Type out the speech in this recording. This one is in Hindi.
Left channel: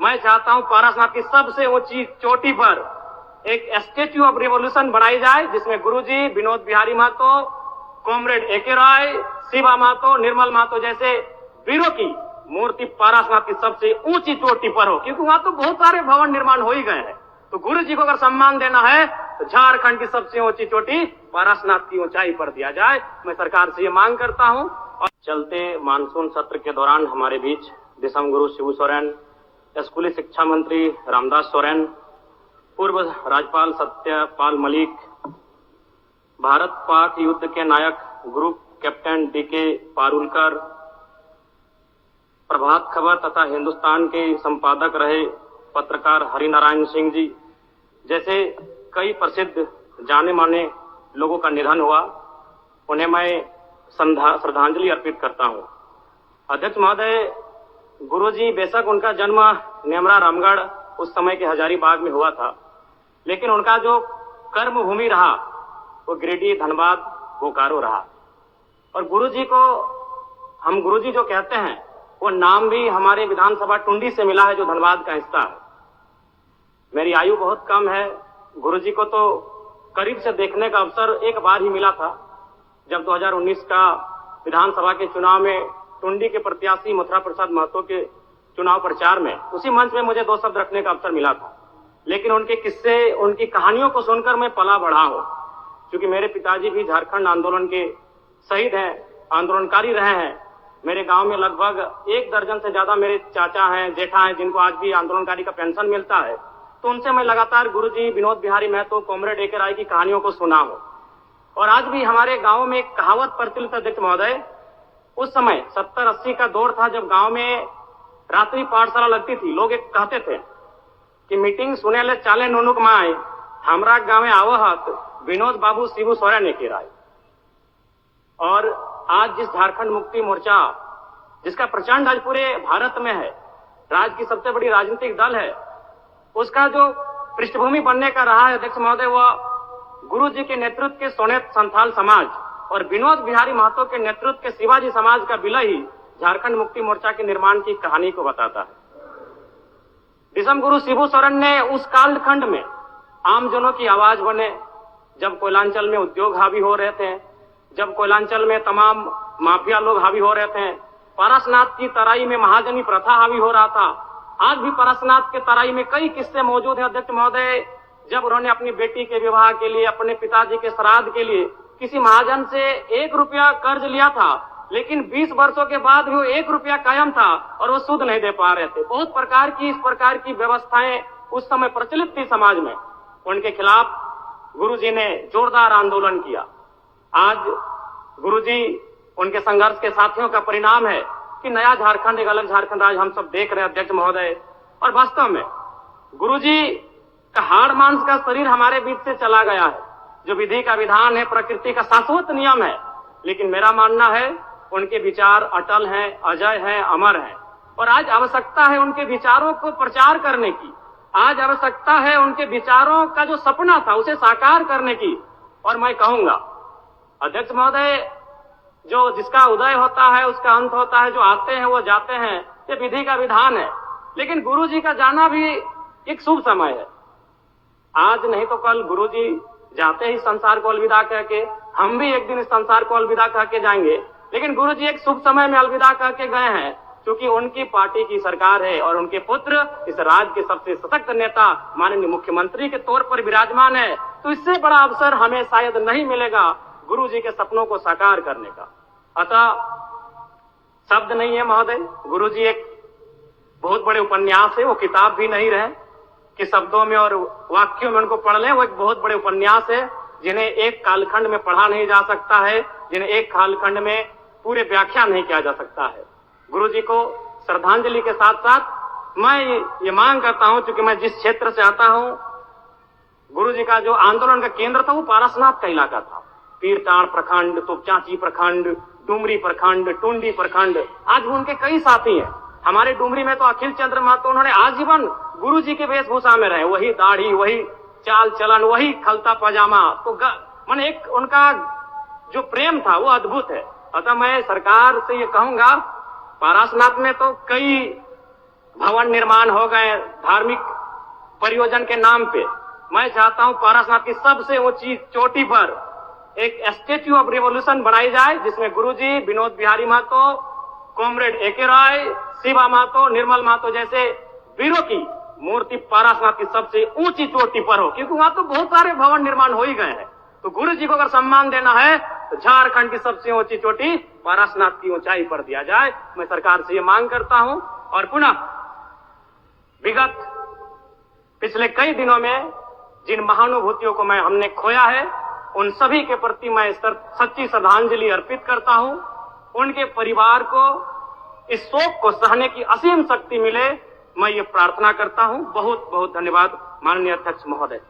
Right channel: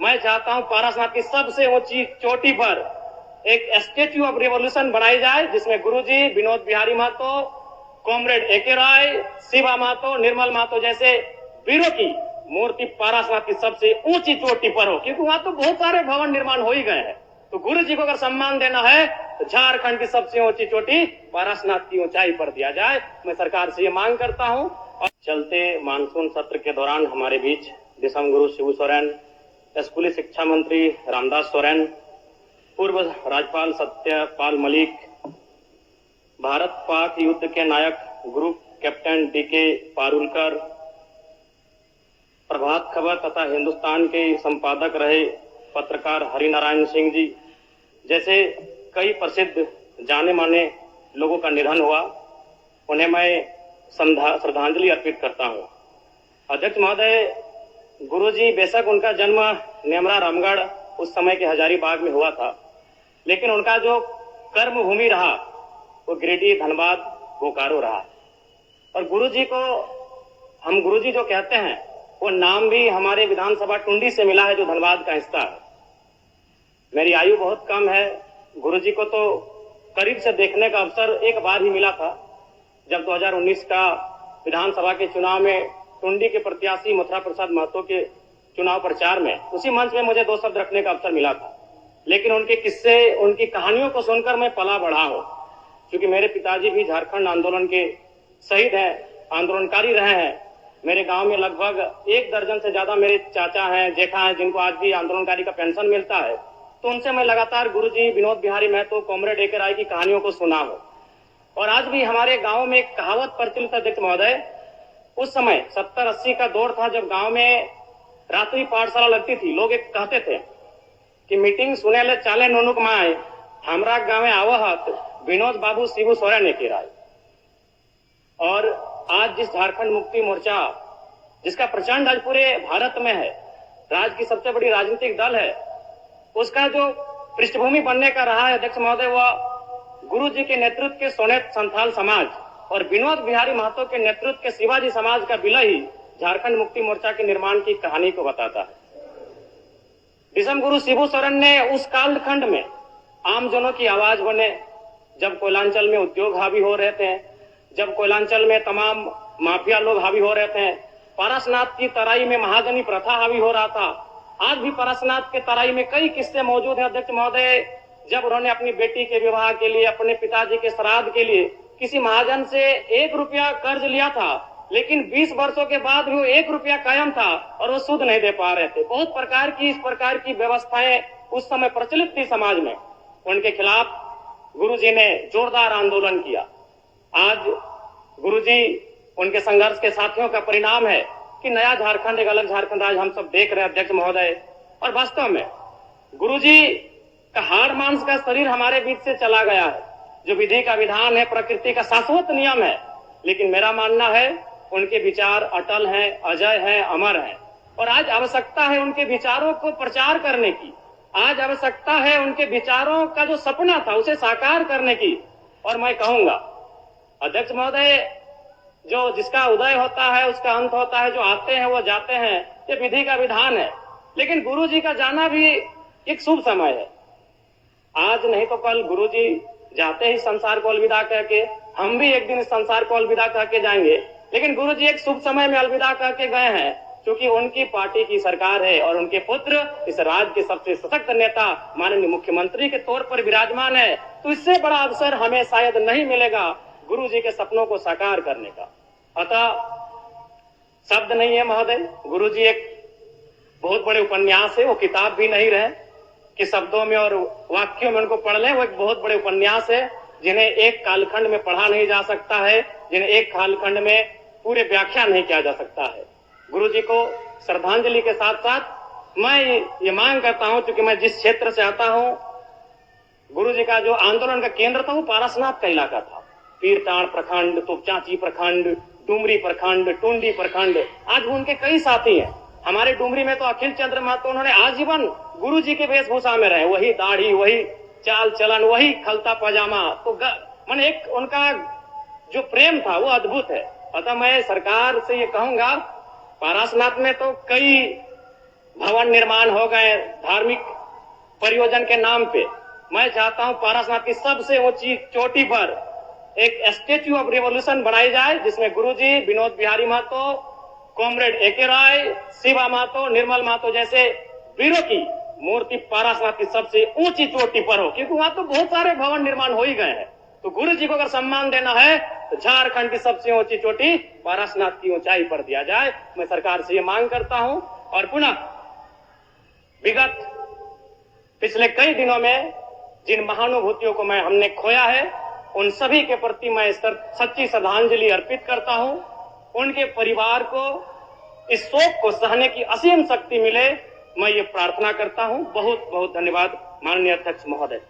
मैं चाहता हूं पारसनाथ की सबसे ऊंची चोटी पर एक स्टेच्यू ऑफ रिवॉल्यूशन बनाई जाए, जिसमें गुरुजी, विनोद बिहारी महतो, कॉमरेड एके राय, शिवा महतो, निर्मल महतो जैसे वीरों की मूर्ति पारसनाथ की सबसे ऊंची चोटी पर हो, क्योंकि वहां तो बहुत सारे भवन निर्माण हो ही गए हैं। तो गुरु जी को अगर सम्मान देना है तो झारखंड की सबसे ऊंची चोटी पारसनाथ की ऊंचाई पर दिया जाए। मैं सरकार से ये मांग करता हूं। और चलते मानसून सत्र के दौरान हमारे बीच दिसम गुरु शिबू सोरेन, स्कूली शिक्षा मंत्री रामदास सोरेन, पूर्व राज्यपाल सत्यपाल मलिक, भारत पाक युद्ध के नायक group captain DK Parulkar, Prabhat Khabar तथा हिंदुस्तान के संपादक रहे पत्रकार हरिनारायण सिंह जी जैसे कई प्रसिद्ध जाने माने लोगों का निधन हुआ, उन्हें मैं श्रद्धांजलि अर्पित करता हूं। अध्यक्ष महोदय, गुरुजी बेशक उनका जन्म नेमरा रामगढ़ उस समय के हजारीबाग में हुआ था, लेकिन उनका जो कर्म भूमि रहा वो गिरिडीह, धनबाद, बोकारो रहा। और गुरुजी को हम गुरुजी जो कहते हैं वो नाम भी हमारे विधानसभा टुंडी से मिला है, जो धनबाद का हिस्सा है। मेरी आयु बहुत कम है, गुरुजी को तो करीब से देखने का अवसर एक बार ही मिला था, जब 2019 का विधानसभा के चुनाव में टुंडी के प्रत्याशी मथुरा प्रसाद महतो के चुनाव प्रचार में उसी मंच में मुझे 2 शब्द रखने का अवसर मिला था। लेकिन उनके किस्से, उनकी कहानियों को सुनकर मैं पला बढ़ा हूं, क्योंकि मेरे पिताजी भी झारखंड आंदोलन के शहीद हैं, आंदोलनकारी रहे हैं। मेरे गांव में लगभग 1 दर्जन से ज्यादा मेरे चाचा हैं, जेठा हैं, जिनको आज भी आंदोलनकारी का पेंशन मिलता है। तो उनसे मैं लगातार गुरुजी, विनोद बिहारी महतो, कॉमरेड एके राय की कहानियों को सुना हूं। और आज भी हमारे गांव में एक कहावत प्रचलित अध्यक्ष महोदय, उस समय 70-80 का दौर था जब गांव में रात्रि पाठशाला लगती थी। लोग एक कहते थे कि मीटिंग सुने ले चाले नोनुक माए, हमरा गाँव में आवहत विनोद बाबू शिबू सोरेन एके राय। और आज जिस झारखंड मुक्ति मोर्चा, जिसका प्रचंड आज पूरे भारत में है, राज्य की सबसे बड़ी राजनीतिक दल है, उसका जो पृष्ठभूमि बनने का रहा है अध्यक्ष महोदय, वह गुरु जी के नेतृत्व के सोनेत संथाल समाज और विनोद बिहारी महतो के नेतृत्व के शिवाजी समाज का विलय ही झारखंड मुक्ति मोर्चा के निर्माण की कहानी को बताता है। दिसम गुरु शिबू सोरेन ने उस कालखंड में आमजनों की आवाज बने, जब कोयलांचल में उद्योग हावी हो रहे थे, जब कोयलांचल में तमाम माफिया लोग हावी हो रहे थे, पारसनाथ की तराई में महाजनी प्रथा हावी हो रहा था। आज भी पारसनाथ के तराई में कई किस्से मौजूद हैं अध्यक्ष महोदय, जब उन्होंने अपनी बेटी के विवाह के लिए, अपने पिताजी के श्राद्ध के लिए किसी महाजन से 1 रुपया कर्ज लिया था, लेकिन 20 वर्षों के बाद भी वो 1 रुपया कायम था और वो सूद नहीं दे पा रहे थे। बहुत प्रकार की इस प्रकार की व्यवस्थाएं उस समय प्रचलित थी समाज में। उनके खिलाफ गुरुजी ने जोरदार आंदोलन किया। आज गुरुजी, उनके संघर्ष के साथियों का परिणाम है कि नया झारखंड, एक अलग झारखंड आज हम सब देख रहे हैं अध्यक्ष महोदय। और वास्तव में गुरुजी का हाड़ मांस का शरीर हमारे बीच से चला गया है, जो विधि का विधान है, प्रकृति का शाश्वत नियम है। लेकिन मेरा मानना है उनके विचार अटल हैं, अजय हैं, अमर हैं। और आज आवश्यकता है उनके विचारों को प्रचार करने की, आज आवश्यकता है उनके विचारों का जो सपना था उसे साकार करने की। और मैं कहूंगा अध्यक्ष महोदय, जो जिसका उदय होता है उसका अंत होता है, जो आते हैं वो जाते हैं, ये विधि का विधान है। लेकिन गुरुजी का जाना भी एक शुभ समय है। आज नहीं तो कल गुरुजी जाते ही संसार को अलविदा कह के, हम भी एक दिन इस संसार को अलविदा कह के जाएंगे। लेकिन गुरुजी एक शुभ समय में अलविदा कह के गए हैं, क्योंकि उनकी पार्टी की सरकार है और उनके पुत्र इस राज्य के सबसे सशक्त नेता माननीय मुख्यमंत्री के तौर पर विराजमान है। तो इससे बड़ा अवसर हमें शायद नहीं मिलेगा गुरुजी के सपनों को साकार करने का। अतः शब्द नहीं है महोदय, गुरुजी एक बहुत बड़े उपन्यास है, वो किताब भी नहीं रहे कि शब्दों में और वाक्यों में उनको पढ़ लें। वो एक बहुत बड़े उपन्यास है, जिन्हें एक कालखंड में पढ़ा नहीं जा सकता है, जिन्हें एक कालखंड में पूरे व्याख्या नहीं किया जा सकता है। गुरुजी को श्रद्धांजलि के साथ साथ मैं ये मांग करता हूं, क्योंकि मैं जिस क्षेत्र से आता हूं, गुरुजी का जो आंदोलन का केंद्र था वो पारसनाथ का इलाका था। पीरटाण प्रखंड, तोपचांची प्रखंड, डुमरी प्रखंड, टुंडी प्रखंड, आज भी उनके कई साथी हैं। हमारे डुमरी में तो अखिल चंद्र महतो, उन्होंने आजीवन गुरुजी के वेशभूषा में रहे, वही दाढ़ी, वही चाल चलन, वही खलता पजामा। तो मन एक उनका जो प्रेम था वो अद्भुत है। अतः मैं सरकार से ये कहूंगा, पारसनाथ में तो कई भवन निर्माण हो गए धार्मिक परियोजन के नाम पे। मैं चाहता हूं पारसनाथ की सबसे ऊंची चोटी पर एक स्टेच्यू ऑफ रिवॉल्यूशन बनाई जाए, जिसमें गुरुजी, विनोद बिहारी महतो, कॉमरेड एके राय, शिवा महतो, निर्मल महतो जैसे वीरों की मूर्ति पारसनाथ की सबसे ऊंची चोटी पर हो, क्योंकि वहां तो बहुत सारे भवन निर्माण हो ही गए हैं। तो गुरु जी को अगर सम्मान देना है तो झारखंड की सबसे ऊंची चोटी पारसनाथ की ऊंचाई पर दिया जाए। मैं सरकार से ये मांग करता हूं। और पुनः विगत पिछले कई दिनों में जिन महानुभूतियों को हमने खोया है, उन सभी के प्रति मैं सच्ची श्रद्धांजलि अर्पित करता हूं। उनके परिवार को इस शोक को सहने की असीम शक्ति मिले, मैं ये प्रार्थना करता हूं। बहुत बहुत धन्यवाद माननीय अध्यक्ष महोदय।